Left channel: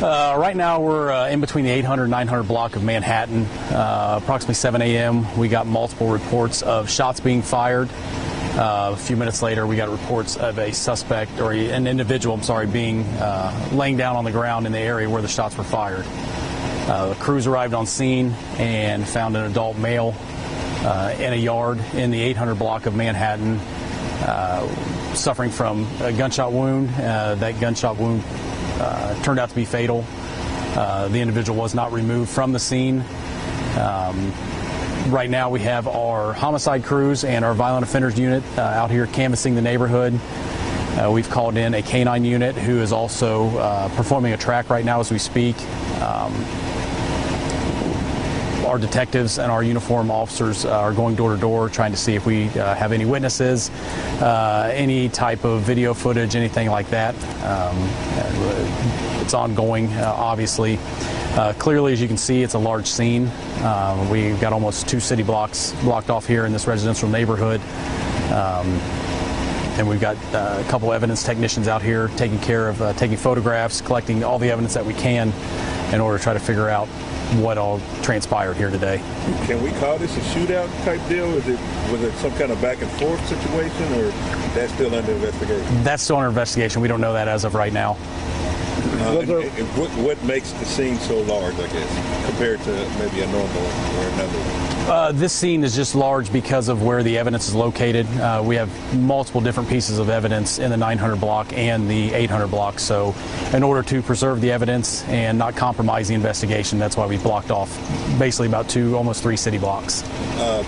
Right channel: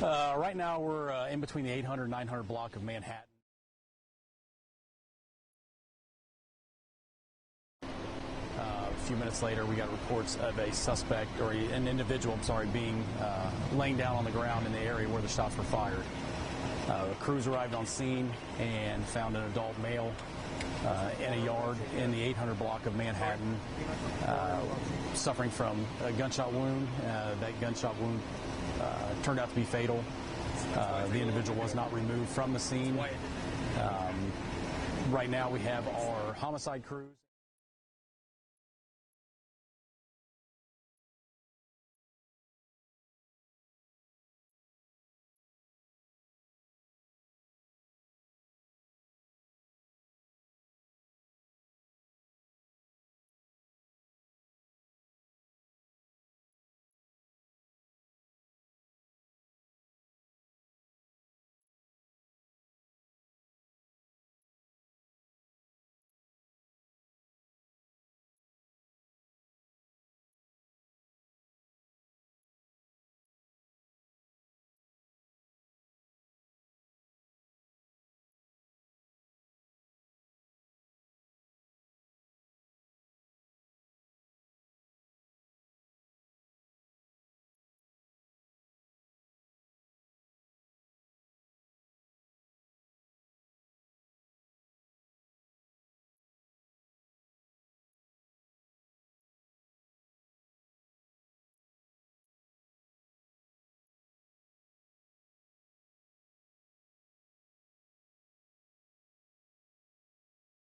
Right now we're in between the 800 and 900 block of Manhattan. Approximately 7 a.m. we got multiple reports of shots being fired. A few minutes later we got reports of a suspect, or an individual, being laying down on the ground in the area where the shots were fired. Crews arrived on scene and found an adult male in a yard in the 800 block of Manhattan, suffering from a gunshot wound. That gunshot wound turned out to be fatal. The individual was not removed from the scene. Right now we have our homicide crews and our violent offenders unit out here canvassing the neighborhood. We've called in a canine unit who is also performing a track right now as we speak. Our detectives and our uniform officers are going door to door trying to see if we have any witnesses, any type of video footage, anything like that. It's ongoing, obviously. Clearly, as you can see, it's a large scene. We've got almost 2 city blocks blocked off here in this residential neighborhood. And we've got a couple evidence technicians out here taking care of taking photographs, collecting all the evidence that we can in order to try to figure out what all transpired here today. Can we call this a shootout type deal? Was it some kind of back and forth situation, or that's still under investigation? That's still under investigation. We don't know that as of right now. What makes the scene so large, I guess, compared to maybe a normal or another one? This scene is just large because of where the evidence is located. We have multiple different pieces of evidence in the 900 block and the 800 block. So in order to preserve the evidence and not compromise the investigation, that's why we blocked off basically about 2, almost 3 city blocks.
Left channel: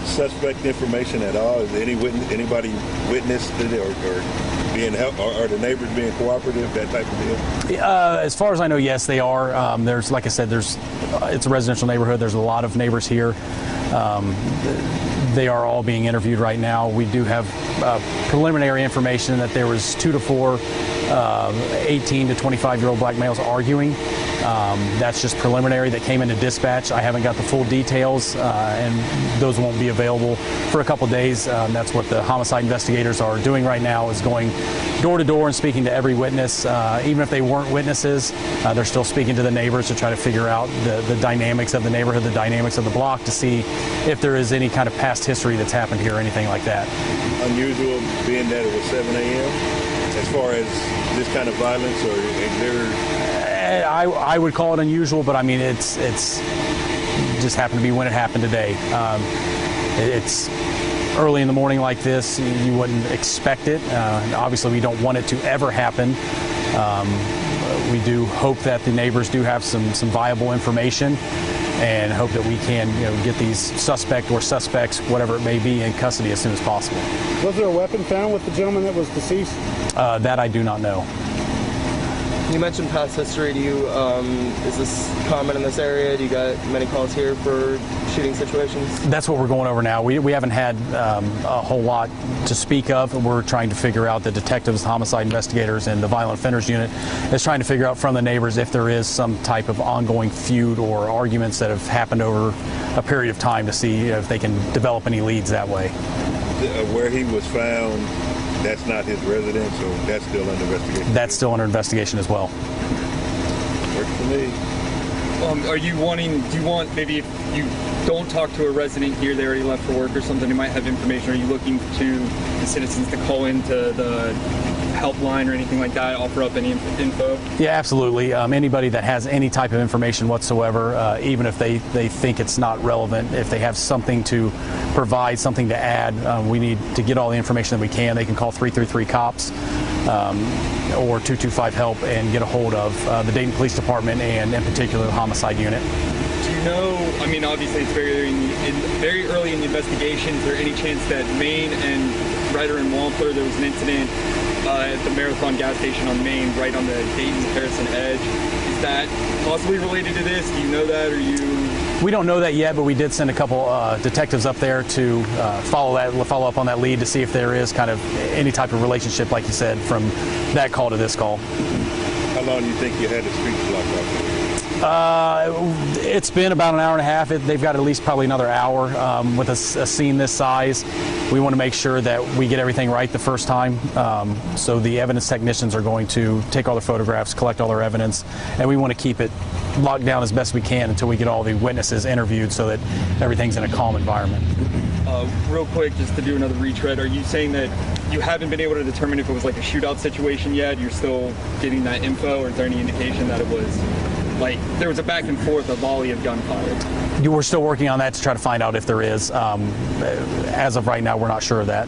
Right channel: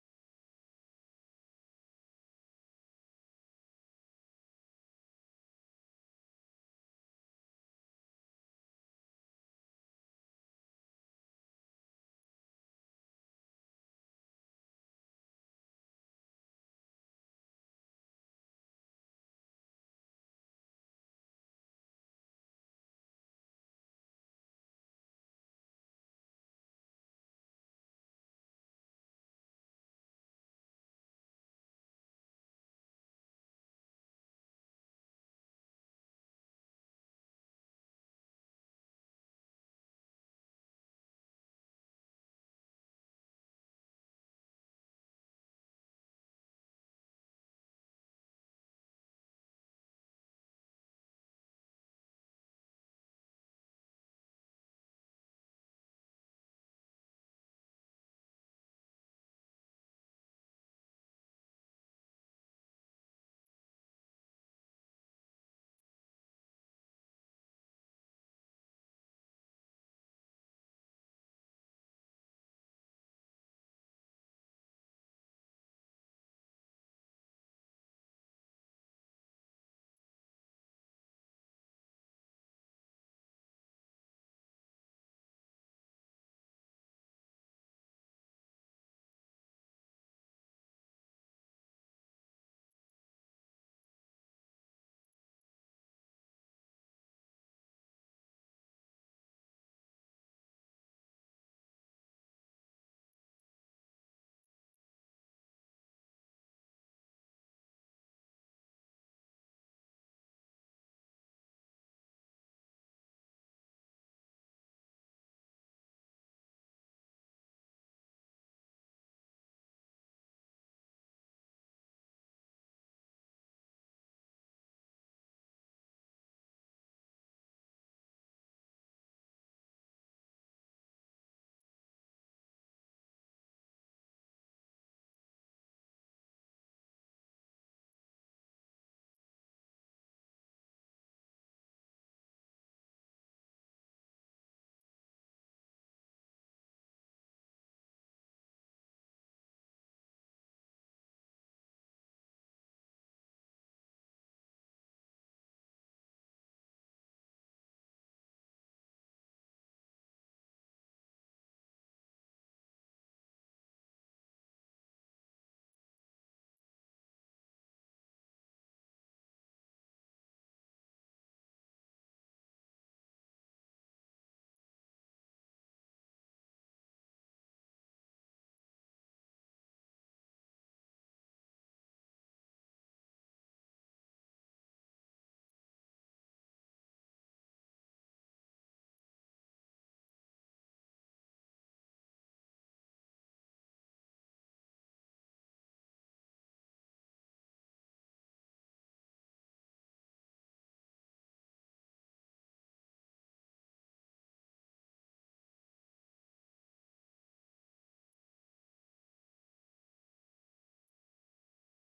Suspect information at all? Is anybody witnessed it or being helped? Are the neighbors being cooperative, that type of deal? As far as I know, yes, they are. There's, like I said, it's a residential neighborhood. There's a lot of neighbors here. They are all being interviewed right now. We do have preliminary information that there was 2 to 4 18 to 25-year-old black males arguing. That's just preliminary that came into dispatch. I haven't got the full details, and those won't be available for a couple days. That's what the homicide investigators are doing right now, is going door to door and speaking to every witness. Even if they weren't witnesses, they're still speaking to the neighbors to try to figure out the dynamics of the neighborhood, the dynamics of the block, to see if there is any kind of past history that's happened here or anything like that. Unusual being that it was 7 a.m. as far as this kind of violence, or is there... I would call it unusual, but I mean, it's just happened to be when it happened today. It's early in the morning like this. You wouldn't expect it. Obviously, we don't want it to ever happen. We do hope that the neighbors do have some viable information, and hope that we can, get these suspect or suspects, whatever it may be, in custody as soon as possible. Was there a weapon found with the gentleman that was deceased? That I do not know. You mentioned past history. Is this common in this area? Do you got many calls here for shooting situations? That's what we're going over now. We haven't had a whole lot to speak of. We're trying to figure out, the detectives, the homicide investigators, and the violent offenders unit is trying to figure out from the neighbors if there is some type of ongoing feud or arguments that have happened over a period of time, to see if they can develop any leads that way. Where he was found, that's not his residence, so that's still under investigation? That's still under investigation as well. Works for me. Do you want, maybe if you don't talk to a resident here, they already left for work or something, who might have information, are you looking to the citizens to call into the helpline or anything like that, offer up any info? Yeah, absolutely. Anybody that has any type of information whatsoever, even if they think it's not relevant, if they have something to provide, something to add, we need to get all the information that we can. They can call 333-COPS or 225-HELP and get a hold of the Dayton Police Department, and in particular the homicide unit. Do you know, I mean, obviously it's very early in the investigation, is there any chance that Main and Ryder and Wampler, there was an incident at the Marathon gas station on Main, right on the Dayton-Harrison edge? Is that possibly related to this? Do you know that, or you... We don't know that yet, but we did send a couple detectives up there to follow up on that lead, to see if there is kind of any type of relationship, like you said, from that call to this call. How long do you think you had the streets blocked off? It's been about an hour and a half. They've got at least probably another hour. With a scene this size, we want to make sure that we get everything right the first time. So the evidence technicians are going to take all their photographs, collect all their evidence, and we want to keep it locked down as best we can until we get all the witnesses interviewed so that everything's in a calm environment. Real quick, just to do another retread, are you saying that you haven't been able to determine if it was like a shootout situation yet? You're still getting that info, or is there any indication that it was like there was a back and forth, a volley of gunfire? We're still working on that to try to find out if there is. As of right now, we're not sure of that.